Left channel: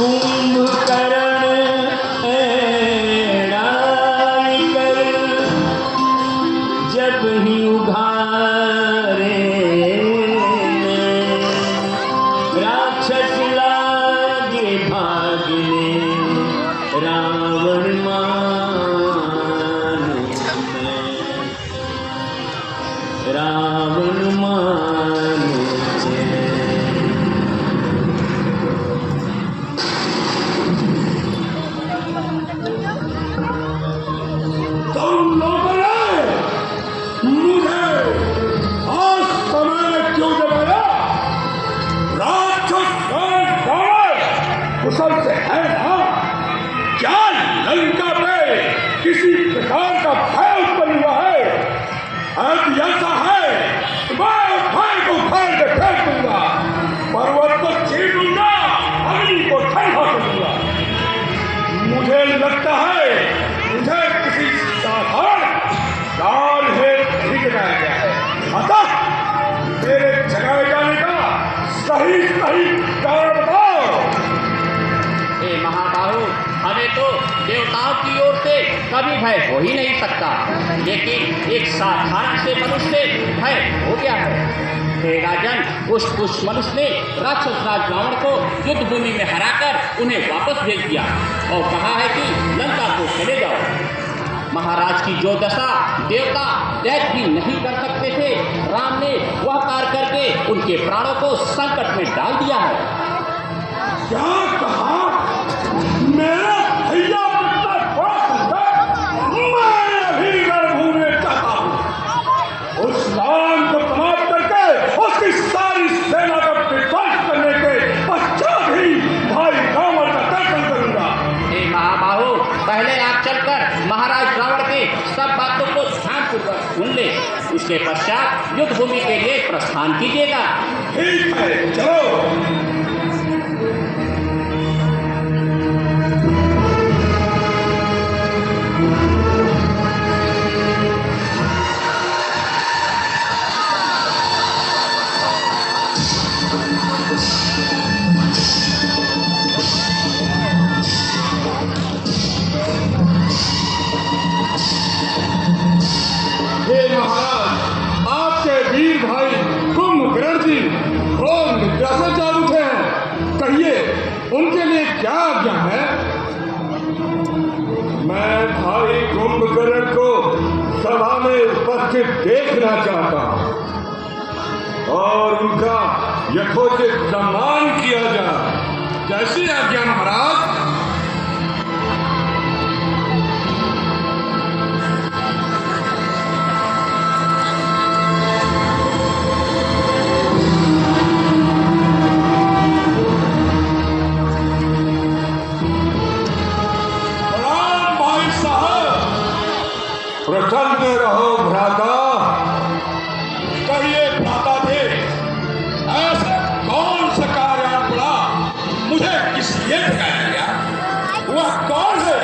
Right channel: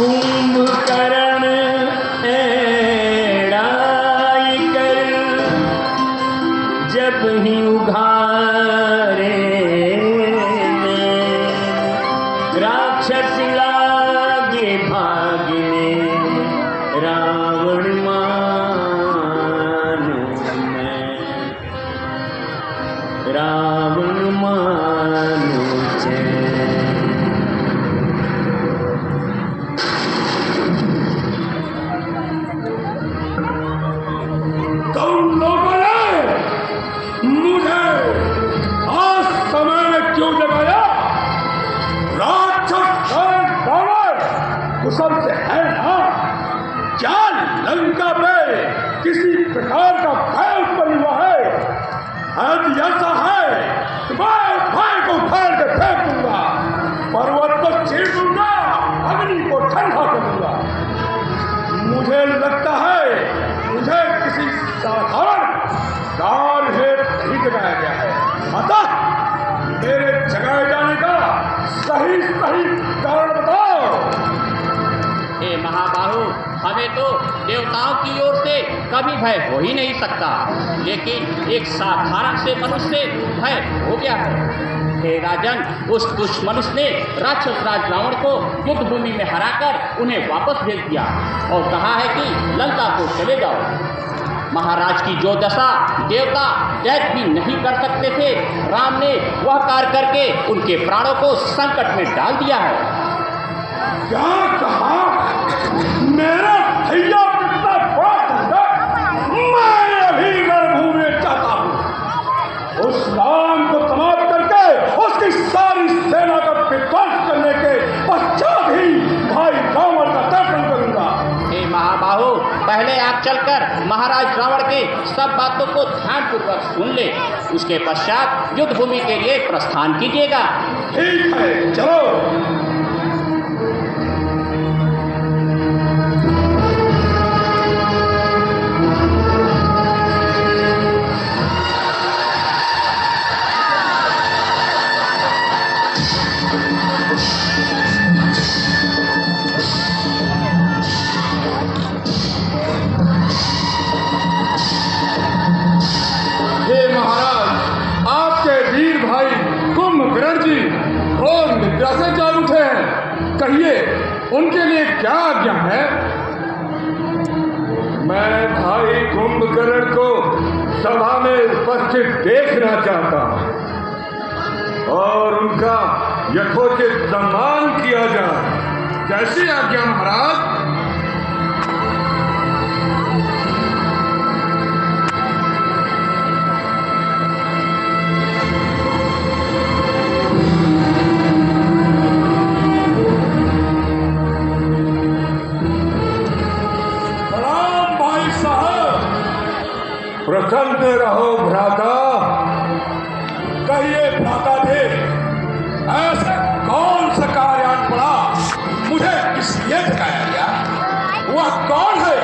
कुंभकर्ण एड़ाई कर जब ही उघारे राक्षस लागे भागने रावण मानो मैं रावण मानो तुम लोगों ने मुझे आज समय में क्यों जगाया? राक्षस कुशल से है ना? क्या लंका पे किसी प्रकार का भय उत्पन्न हुआ है? यदि ऐसा है तो मैं भय को उखाड़ के फेंक दूंगा, पर्वत को छीन लूंगा, अग्नि को ठंडा करूंगा। मुझे लगता है मुझे किसी साधारण दान हेतु नहीं जगाया गया है। अतः मेरे जगाए जाने का सही कारण बताओ। हे महाबाहु, हमें तो देवताओं की ओर से कभी भय हो ही नहीं सकता, लेकिन एक साधारण से मनुष्य से भय हो गया है। हे राजन, उस दुष्ट मनुष्य ने राक्षस राज रावण को युद्ध भूमि में हराकर उन्हें वापस भेज दिया और कहा है कि लंका को चले जाओ। महाराज की जो दशा देवता दैत्य भी नहीं कर सकते थे, राम ने वह कार्य करके उनके प्राणों को संकट में डाल दिया है। क्या कहा? मेरा भैया कितना बड़ा संकट? मैं अभी रणभूमि में जाता हूँ। उस राम को समाप्त करके उसकी सारी सेना का विध्वंस करने के पश्चात ही भाई रावण का दर्शन करूंगा। हे महाबाहु, पहले आप चलकर महाराज रावण के सब बातों को ध्यानपूर्वक सुन ले, उसके पश्चात युद्ध भूमि के लिए प्रस्थान कीजिएगा। ठीक है, चलो। हे महाराज, आपके वीर भाई कुंभकर्ण जी घोर निद्रा से जाग उठे हैं। कहिए, उनके लिए क्या आज्ञा है? मैं भाई कुंभकर्ण को सभा में उपस्थित देखना चाहता हूँ और उनका यथोचित सम्मान किया जाए। कैसी आज्ञा महाराज? प्रसन्न रहो भ्राता। कहिए भ्राता थे, ऐसा कौन सा कार्यान पड़ा? मुझे किस लिए दिखाया गया? वह कौन है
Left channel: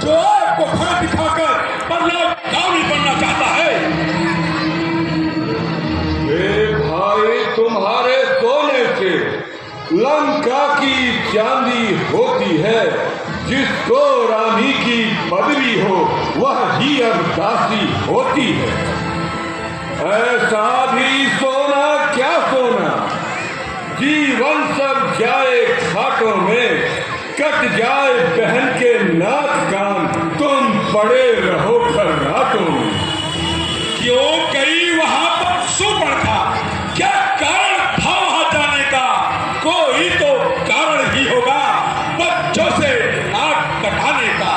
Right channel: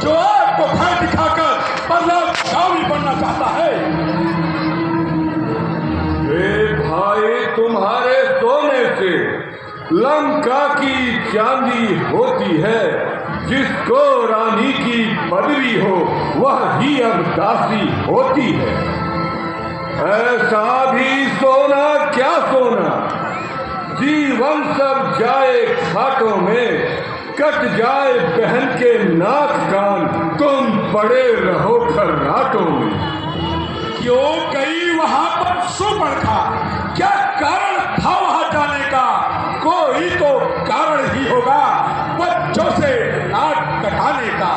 जो आपको भय दिखाकर बदलावी बनना चाहता है? भाई, तुम्हारे सोने से लंका की चांदी होती है। जिसको रानी की पदवी हो वह ही अब दासी होती है। ऐसा भी सोना क्या सोना, जीवन सब जाए खाटों में, कट जाए बहन के नाक कान, तुम पड़े रहो खर्राटों में। क्यों गई वहां पर सुपर्णखा? क्या कारण था वहां जाने का? कोई तो कारण ही होगा, बच्चों से नाक कटाने का।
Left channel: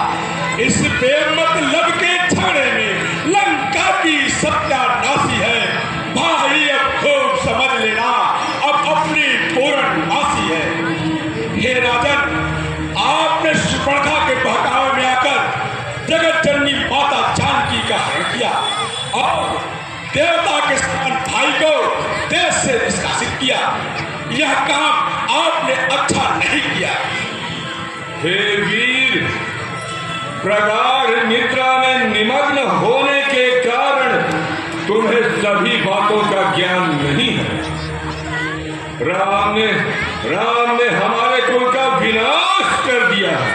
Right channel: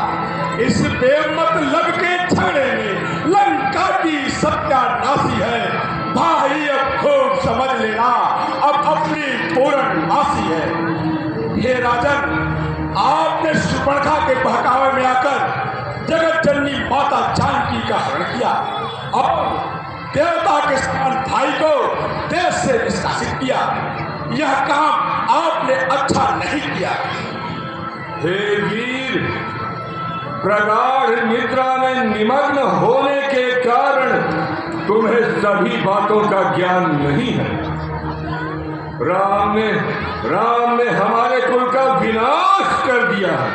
इस बेमतलब के झगड़े में लंका की सत्यानाशी है। भाई, अब खूब समझ लेना, अब अपनी पूर्णमासी है। हे राजन, आपने सुपर्णखा के बहकावे में आकर जगत जननी माता जानकी का हरण किया और देवता के समान भाई को देश से निष्कासित किया। यह काम आपने अच्छा नहीं किया। हे वीर, प्रगाढ़ निद्रा में निमग्न होने के कारण तुम्हें सभी बातों का ज्ञान नहीं है। राम ने हमारे कुल का विनाश कर दिया है।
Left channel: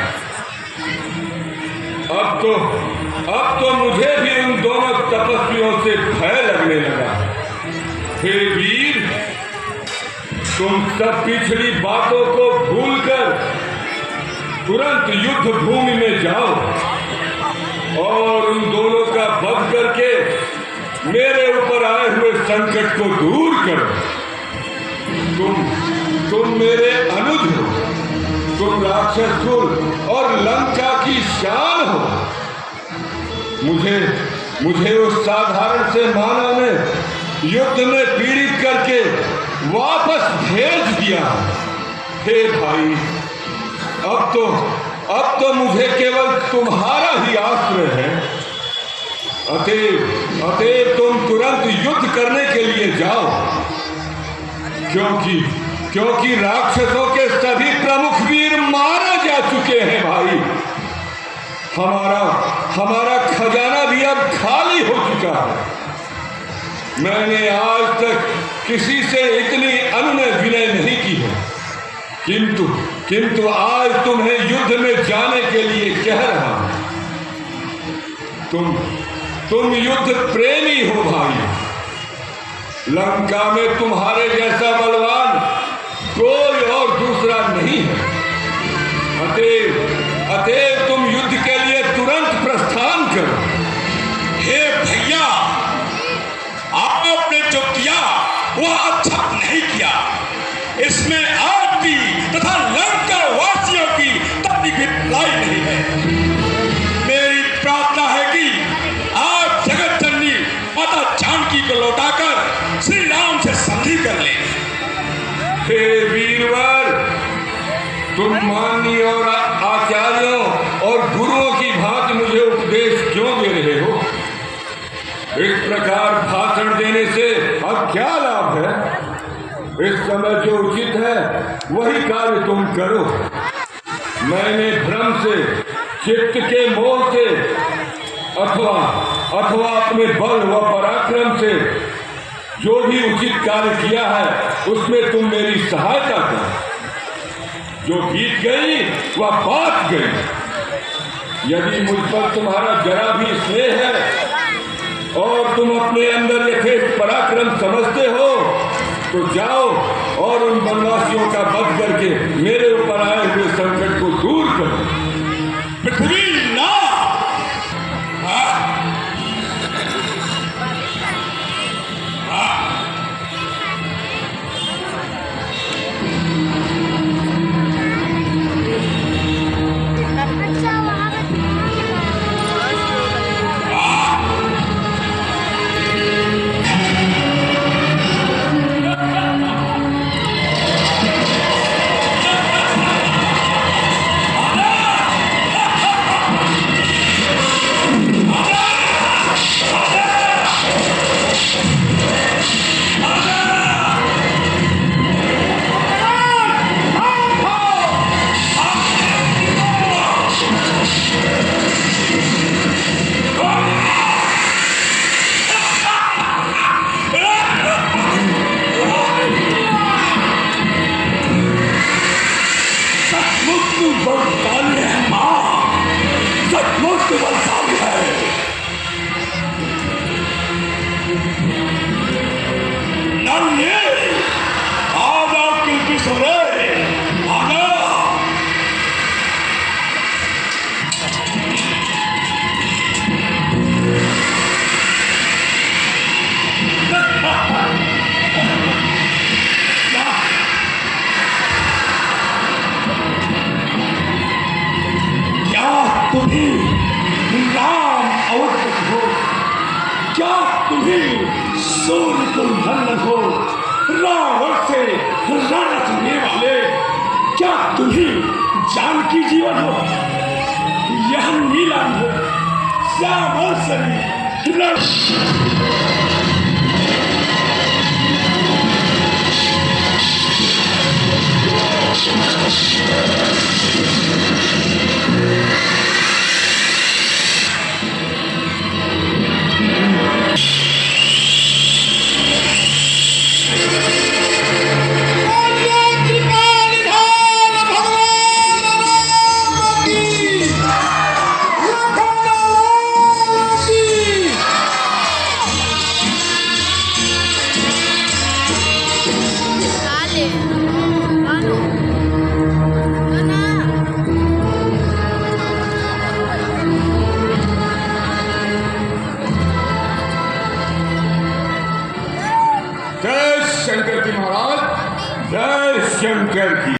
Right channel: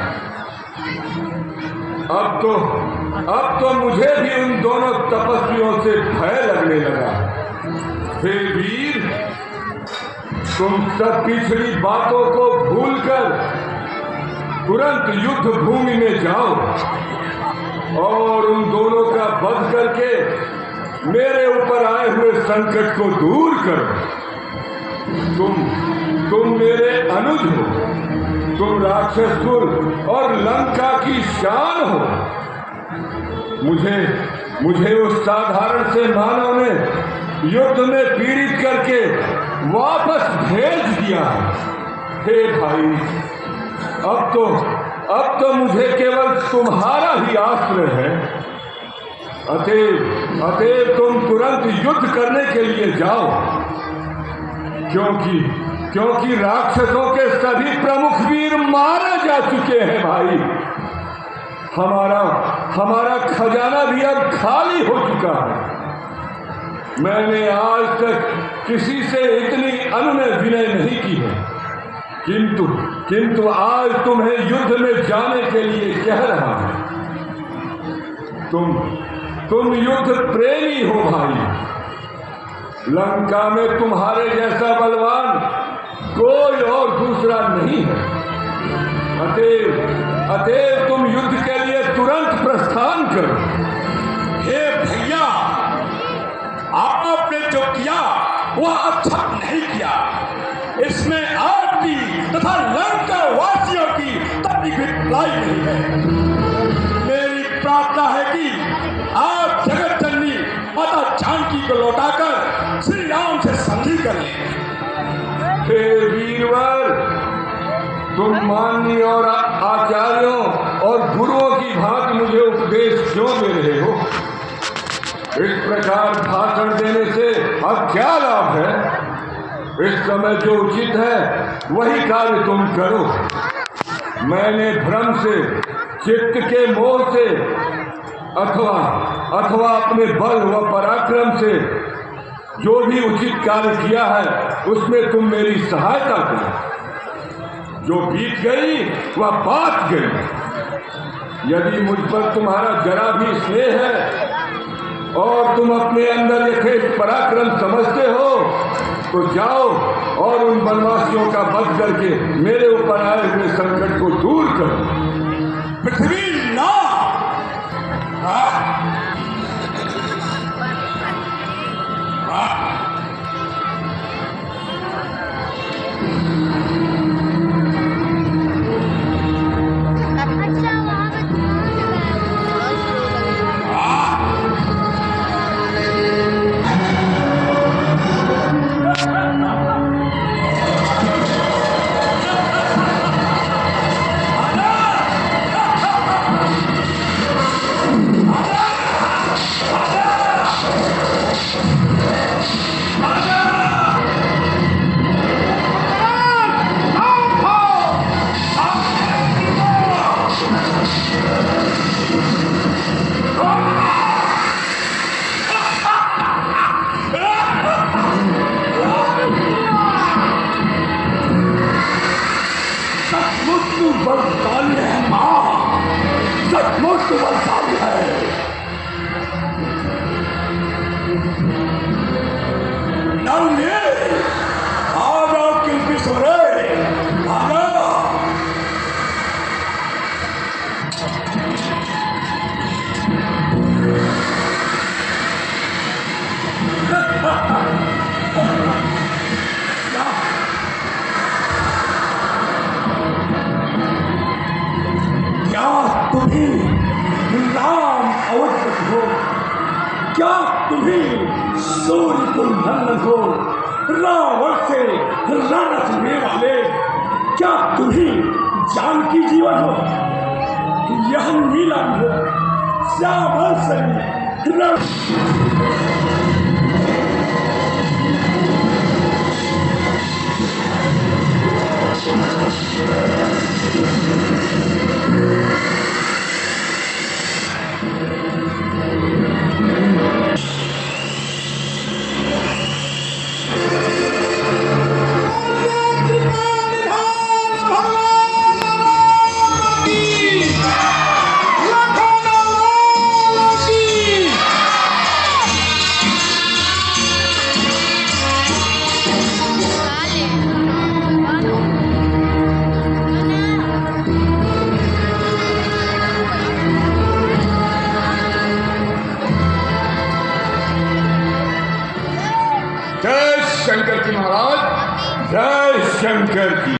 अब तो मुझे भी उन दोनों तपस्वियों से भय लगने लगा। हे वीर, तुम सब पिछली बातों को भूलकर तुरंत युद्ध भूमि में जाओ और उन दोनों का वध करके मेरे ऊपर आए हुए संकट को दूर करो। तुम मेरे अनुज हो, तुम राक्षस कुल और लंका की शान हो। मुझे उस साधारण से मानव ने युद्ध में पीड़ित करके वापस भेज दिया। हे भाई, अब तो मुझे केवल तुम्हारा ही आश्रय है। अतएव तुम तुरंत युद्ध करने के लिए जाओ, क्योंकि राक्षसों के सभी प्रमुख वीर मारे जा चुके हैं। भाई, हमारा खजाना भी अब खाली हो चुका है। मैंने आज तक किसी से इतनी अनुनय विनय नहीं की है, किंतु आज तुम्हें युद्ध में जाने के लिए कह रहा हूं। तुम युद्ध प्रेमी हो भाई। लंका में तुम्हारे जैसा बलवान कोई और दूसरा नहीं है। अतएव तुम युद्ध के लिए तुरंत प्रस्थान करो। हे भैया, आपने जो किया वह अच्छा नहीं किया। इसमें आपकी तथा लंका वासियों की तनिक भी भलाई नहीं है। मेरी प्रार्थना है कि आप जगत जननी माता जानकी को लौटाकर श्री राम से संधि कर लें। हे वीरवर, तुम माननीय और आचार्यों और गुरुओं की भांति मुझे उपदेश क्यों दे रहे हो? इस प्रकार भाषण देने से अब क्या लाभ है? इस समय जो उचित है वही कार्य तुम करो। मैंने भ्रम से, चित्त के मोह से अथवा अपने बल व पराक्रम से जो भी उचित कार्य किया है उसमें तुम मेरी सहायता करो। जो बीत गई वह बात गई। यदि मुझ पर तुम्हारा जरा भी स्नेह है और तुम अपने अंदर यथेष्ट पराक्रम समझते हो तो जाओ और उन वनवासियों का वध करके मेरे ऊपर आए हुए संकट को दूर करो। पृथ्वी ना बलशाली है मां, सचमुच बलशाली है। नवने आ जाओ किल्पी सोरे, आ जाओ। तुम्हें राम अवतरित हो, क्या तुम्हें सूर्य को नंदन हो, रावण से रण रचने वाले, क्या तुम्हें जानकी जीवन हो, यह नीलम हो, श्यामल शरीर जय शंकर की महाराज, जय शंकर की।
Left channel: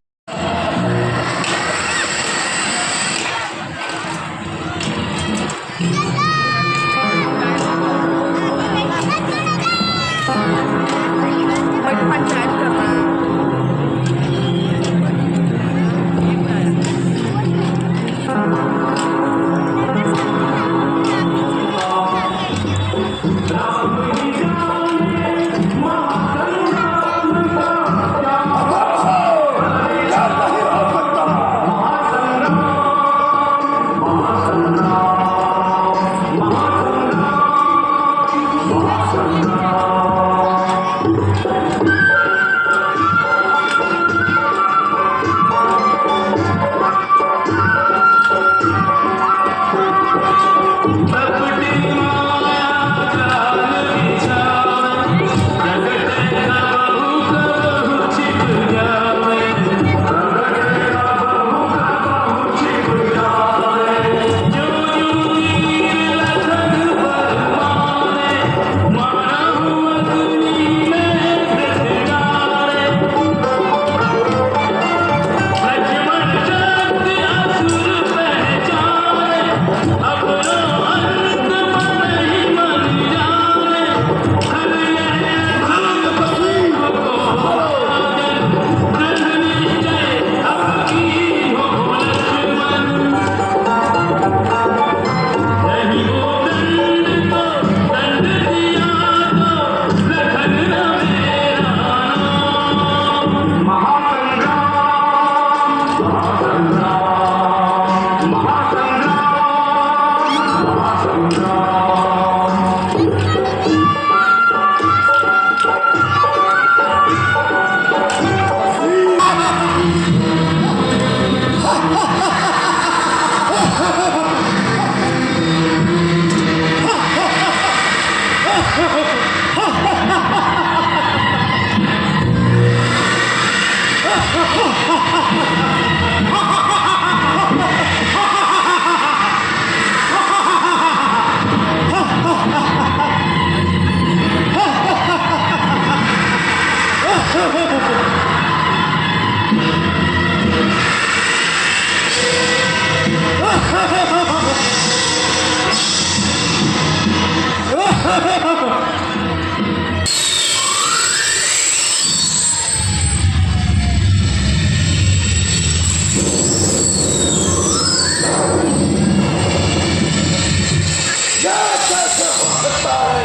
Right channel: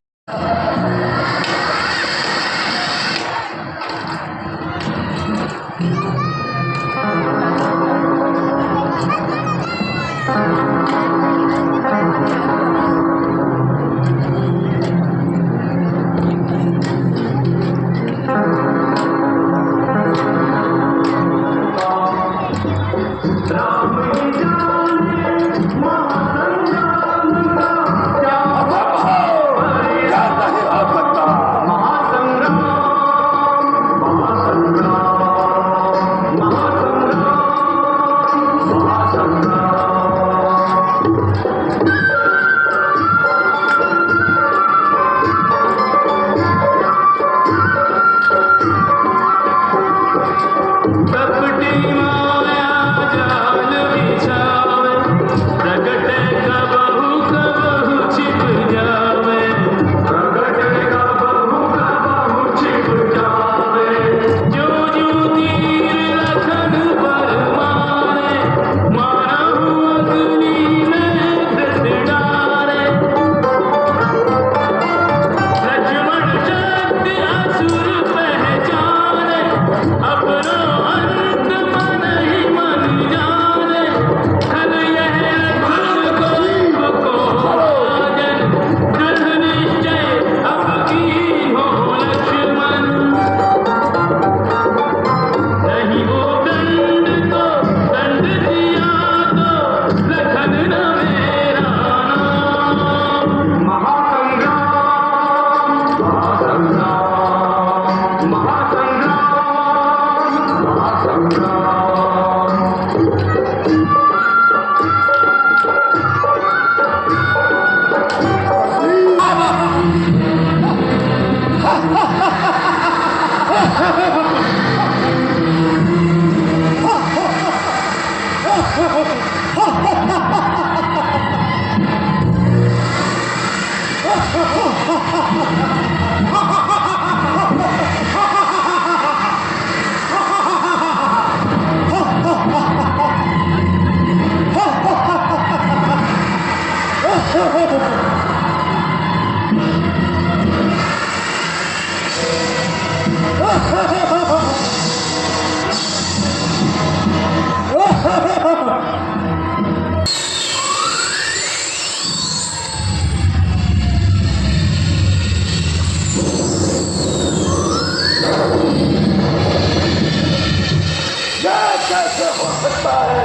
कैसे हो सकता है?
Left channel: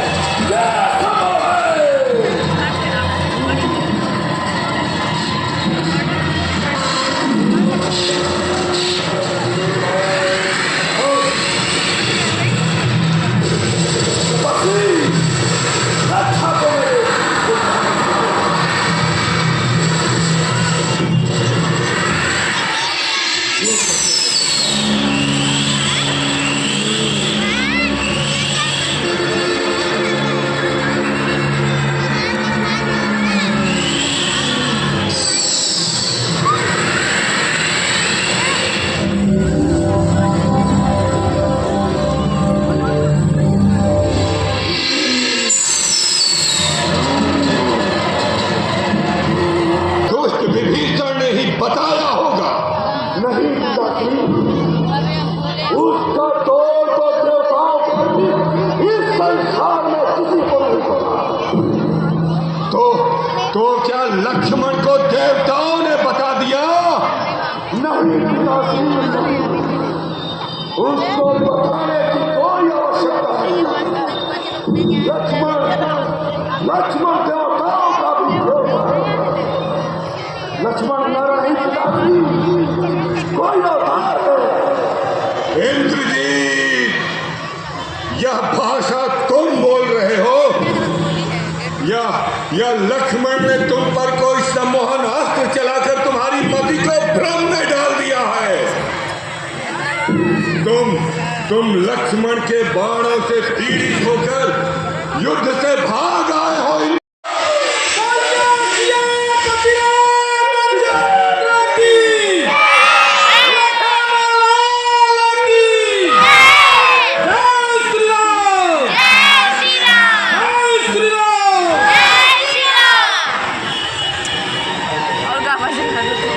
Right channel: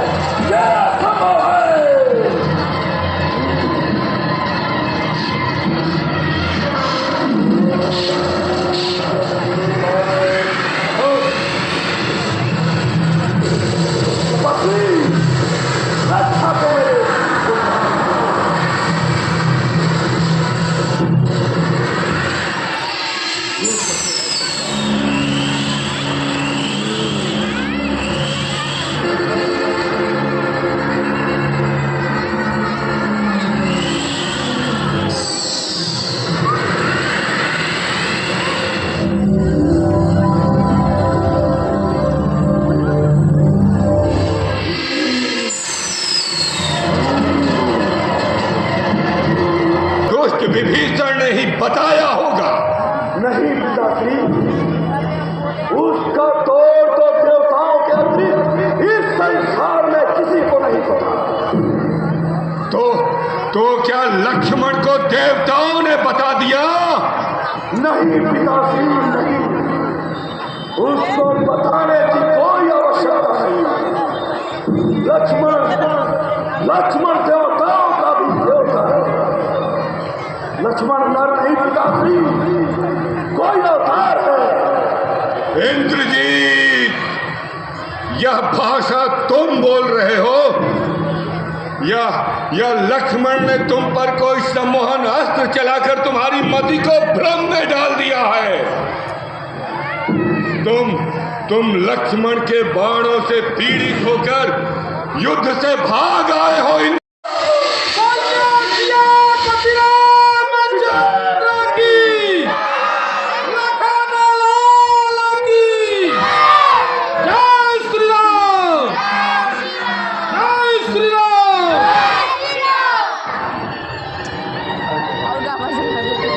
यह असंभव है। अच्छा तो विभीषण ने ही बताया होगा। नहीं पिताश्री, उसका तोड़ तो देवताओं के अतिरिक्त इस संसार में किसी को नहीं पता। तो क्या लक्ष्मण को देवताओं ने बता दिया? नहीं पिताश्री, नहीं, उसको बताने की कोई आवश्यकता नहीं। लक्ष्मण देवताओं का भी देवता है। लक्ष्मण हमारा नहीं पिताश्री, कोई अवतार है। इंद्रजीत, यह भाषा तुम बोल रहे हो या लक्ष्मण ने तुम पर कोई सम्मोहन अस्त्र चलाकर तुम्हारी मति को भ्रम में डाल दिया है? तुम लक्ष्मण के बाणों से पीड़ित होकर युद्ध से भाग आए हो। आवाज दिखा दो